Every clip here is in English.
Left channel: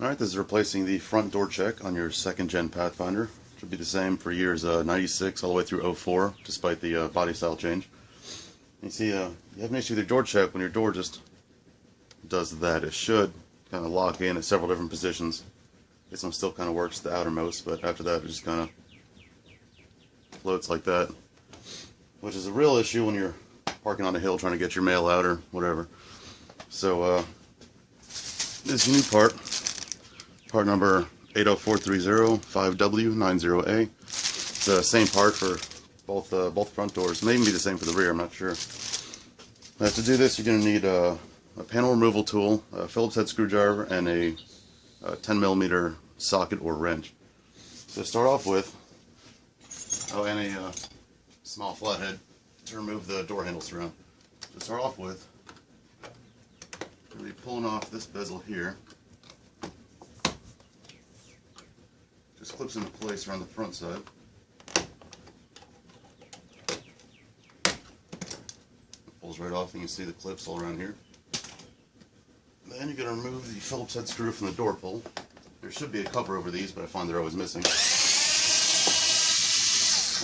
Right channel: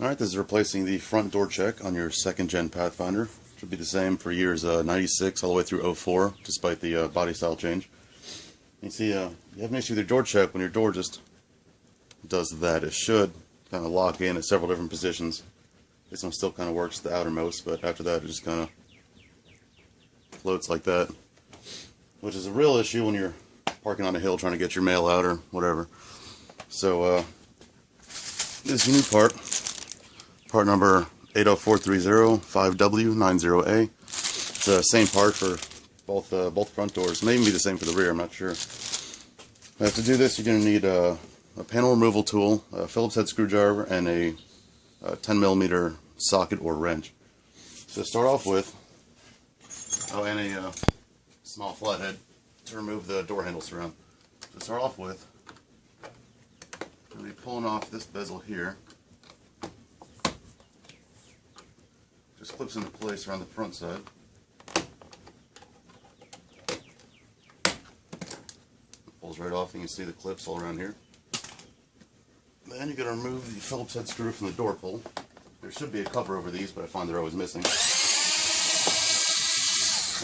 Alright, this is replacing the front door check on your second gen Pathfinder. Should be the same for years 96 all the way through 04, despite the body style change. You see, you have an issue with your door check when your door just does that. It should kind of lock in at several different positions. This one still kind of works the outermost, but after that it just kind of floats like that, which is a real issue when you're parking on a hill trying to get your mail out or whatever. So this unique part number 80430-5W90A. It's the same part for both front doors. It may even be the same for the rear, I'm not sure. To do this, you're going to need a panel removal tool, a Phillips head screwdriver, and a 10mm socket or wrench. So to start off with, and a small flathead to remove the door handle surround. To start off with, we're going to be pulling off this bezel here. Just clips into place around the front side. Pulls right off, and you can see the clips all around here. Then you're going to remove the Phillips head screw from the door pull. There should be a cover over these, but I find they're always missing.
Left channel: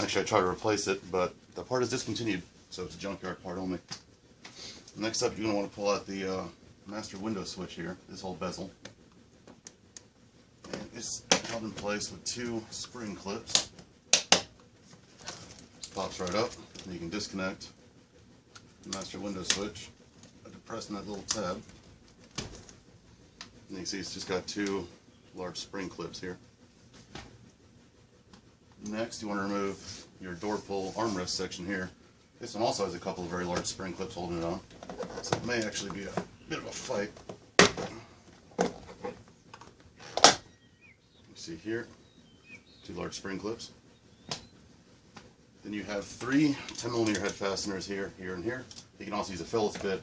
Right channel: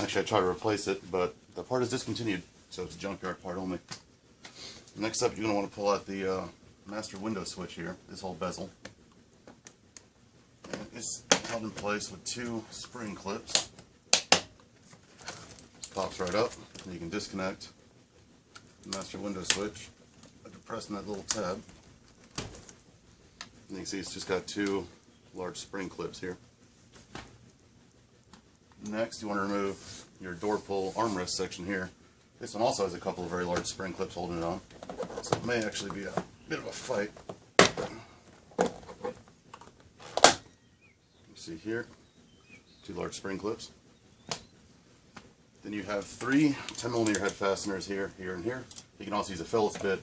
Actually, I tried to replace it, but the part is discontinued, so it's a junkyard part only. Next up, you're going to want to pull out the master window switch here, this whole bezel. And it's held in place with two spring clips. Just pops right up, and you can disconnect the master window switch by depressing that little tab. And you can see it's just got two large spring clips here. Next, you want to remove your door pull armrest section here. This one also has a couple of very large spring clips holding it on, so it may actually be a bit of a fight. You see here, two large spring clips. Then you have three 10mm head fasteners here, here, and here. You can also use a Phillips bit.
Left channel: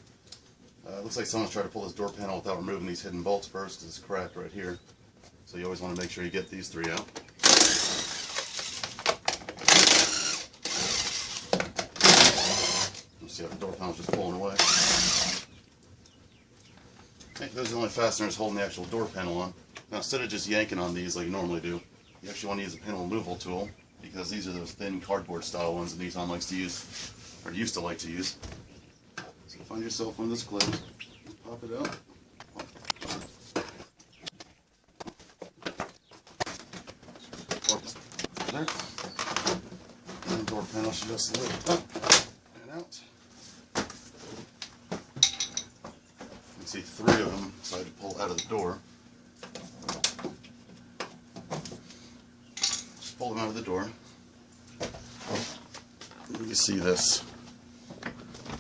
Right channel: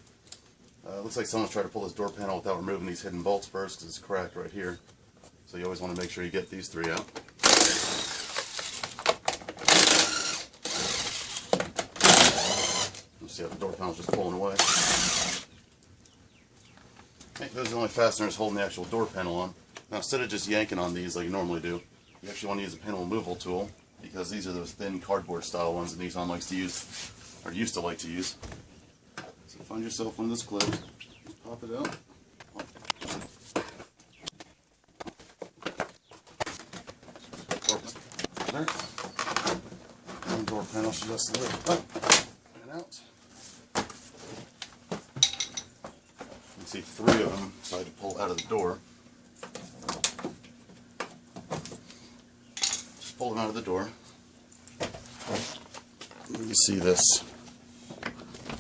Looks like someone's tried to pull this door panel without removing these hidden bolts first, because it's cracked right here. So you always want to make sure you get these three out. You see how the door panel's just pulling away. Okay, those are the only fasteners holding the actual door panel on. Now, instead of just yanking on these like you normally do, you actually want to use a panel removal tool, because these are those thin cardboard style ones that Nissan likes to use, or used to like to use. So find yourself one of those clips, pop it out. There. And the door panel should just lift up and out. You can see three of them decide to pull out of the door. Just pull them out of the door. You see this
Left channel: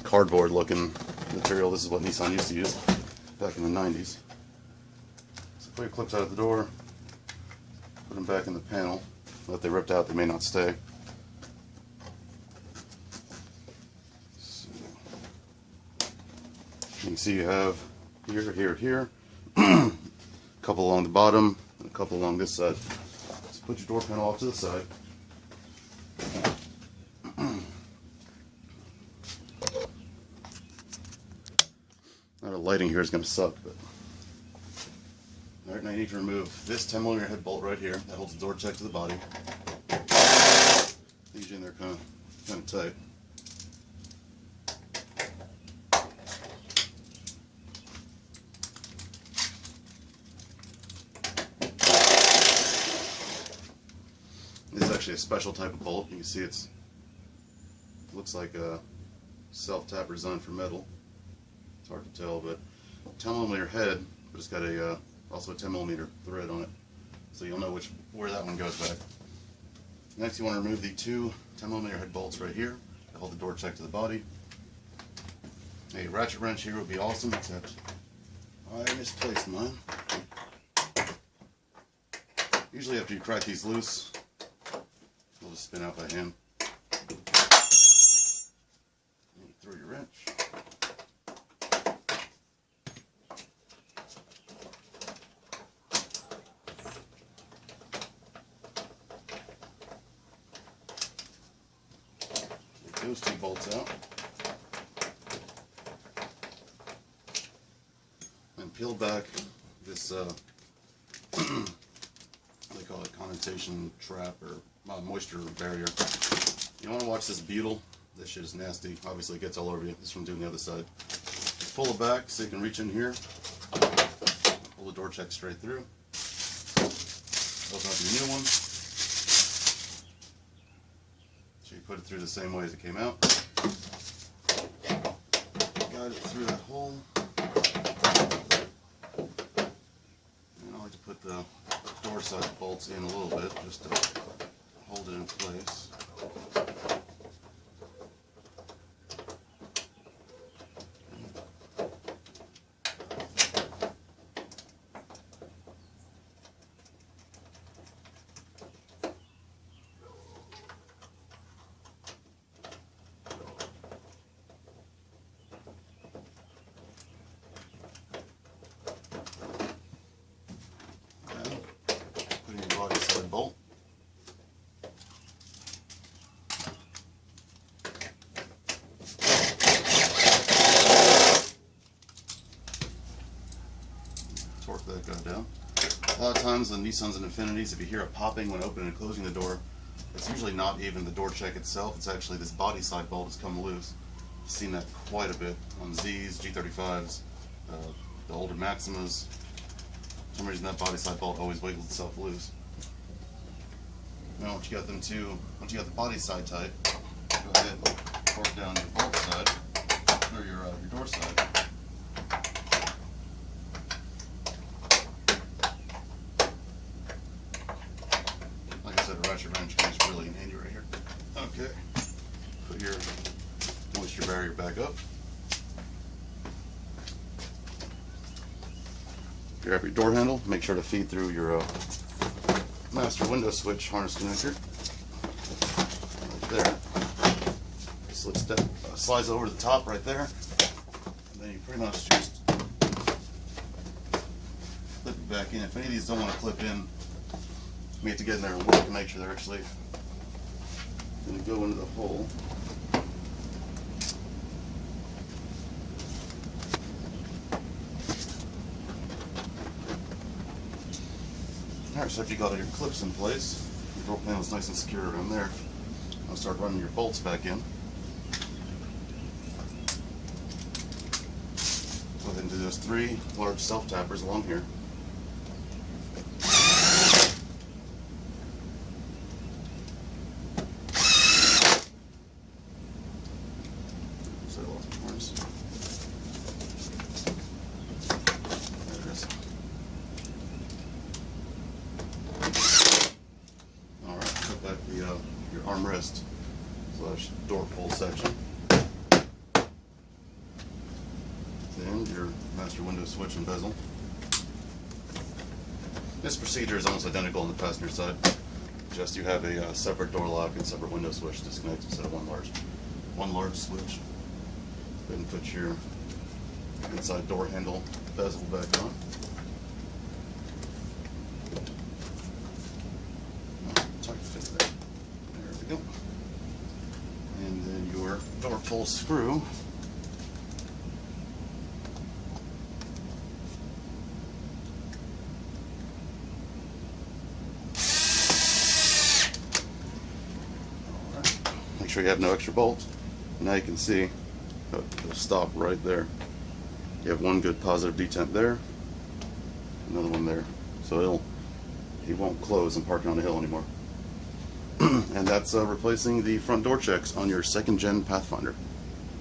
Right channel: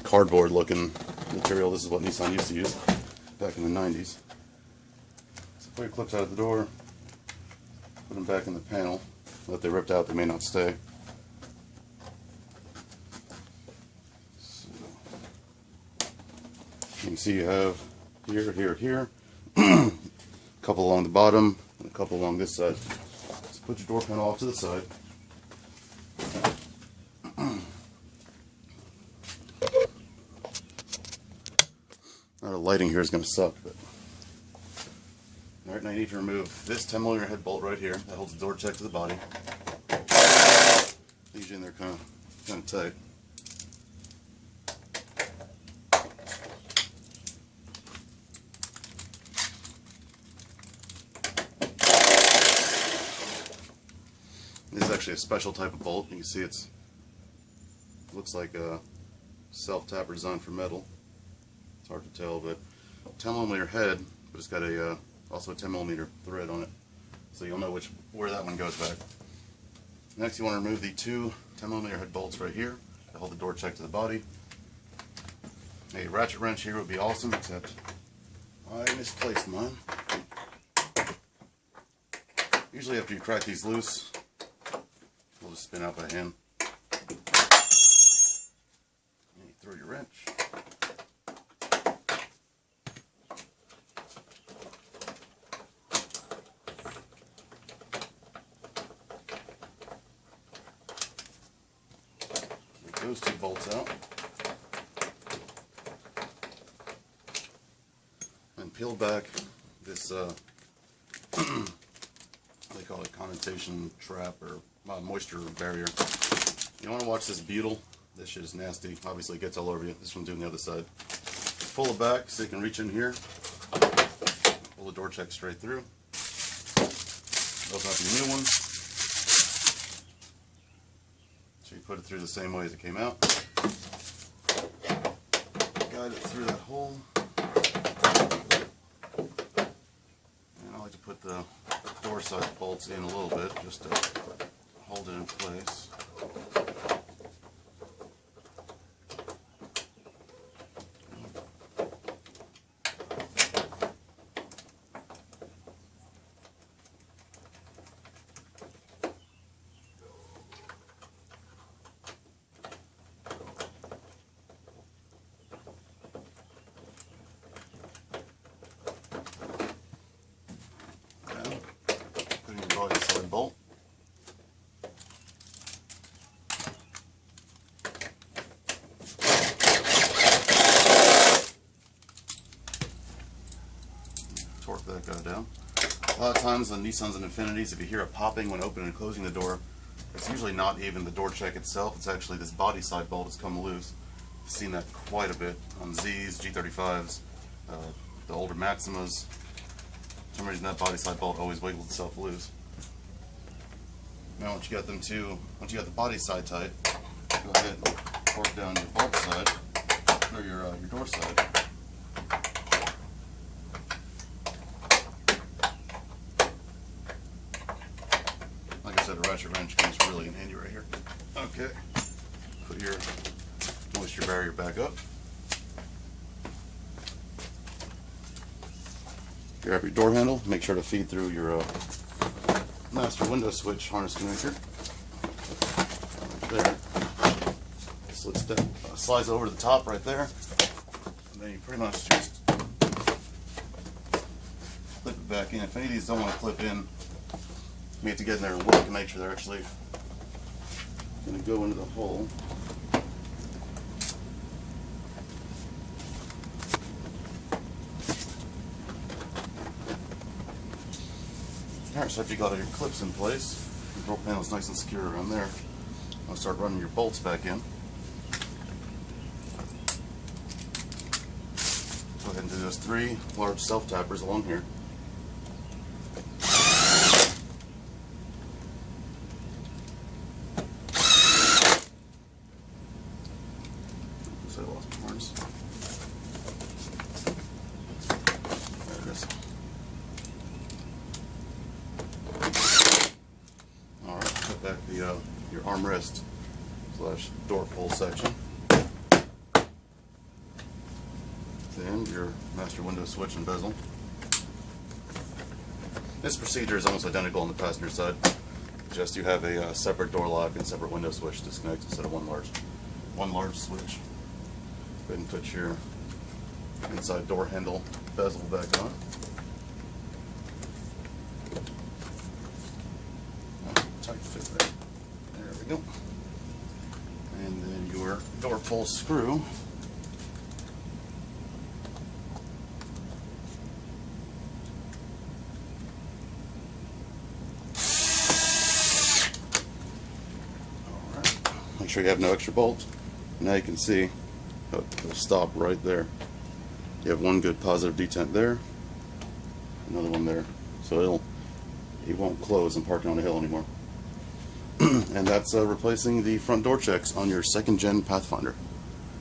cardboard looking material. This is what Nissan used to use back in the 90s. So pull your clips out of the door, put them back in the panel. If they ripped out, they may not stay. So, you can see you have here, here, here, a couple along the bottom, and a couple along this side. Just put your door panel off to the side. Now the lighting here is going to suck, but alright, now you need to remove this 10mm head bolt right here that holds the door check to the body. These in there kind of tight. This is actually a special type of bolt. You can see it looks like a self-tapper designed for metal. It's hard to tell, but 10mm head, but it's got a also a 10mm thread on it, so you'll know where that one goes back. Next, you want to remove the two 10mm head bolts right here that hold the door check to the body. A ratchet wrench here would be awesome, except I misplaced mine. Usually after you crack these loose, we'll just spin out by hand. And you throw your wrench. Those two bolts out, and peel back this they call it condensation trap or moisture barrier. You want to watch this butyl. This shit is nasty. Obviously it gets all over you. This one doing the other side. Just pull it back so you can reach in here. Pull the door check straight through. Open up your new one. So you put it through the same way as it came out. Guide it through that hole. And I like to put the door side bolts in a little bit just to hold it in place. Body side bolt. Torque that guy down. A lot of times on Nissans and Infinitis, if you hear a popping when opening and closing the door, it's usually not even the door check itself, it's actually this body side bolt that's come loose. I've seen that quite a bit on Zs, G35s, the older Maximas. For some reason that body side bolt always wiggles itself loose. Now once you got the body side tight, go ahead and torque down your bolt side, or your door side. Like I said, a ratchet wrench comes really in handy right here. Okay, put your moisture barrier back up. Grab your door handle, make sure to feed through your master window switch harness connector. Right there. Slides over to the top right there. And then you pretty much just clip it back in. If any of these don't want to clip in, you have to get in there and look to make sure they're actually going to go into the hole. Alright, so after you got all your clips in place, your door panel is nice and secure around there. I'll start running your bolts back in. Go ahead and do those 3 large self-tappers along here. So I lost my horns. There it is. Back your armrest / door pull section, and your master window switch and bezel. This procedure is almost identical on the passenger side, just you have a separate door lock and separate window switch disconnect instead of one large switch. Go ahead and put your inside door handle bezel back on. Tight fit there. There we go. And then your door pull screw. Alright. Make sure you have no extra bolts. Now you can see it'll stop right there. You have one good positive detent there, another one there. So it won't close and parking on the hill anymore. And that's replacing the front door checks on your 2nd gen Pathfinder.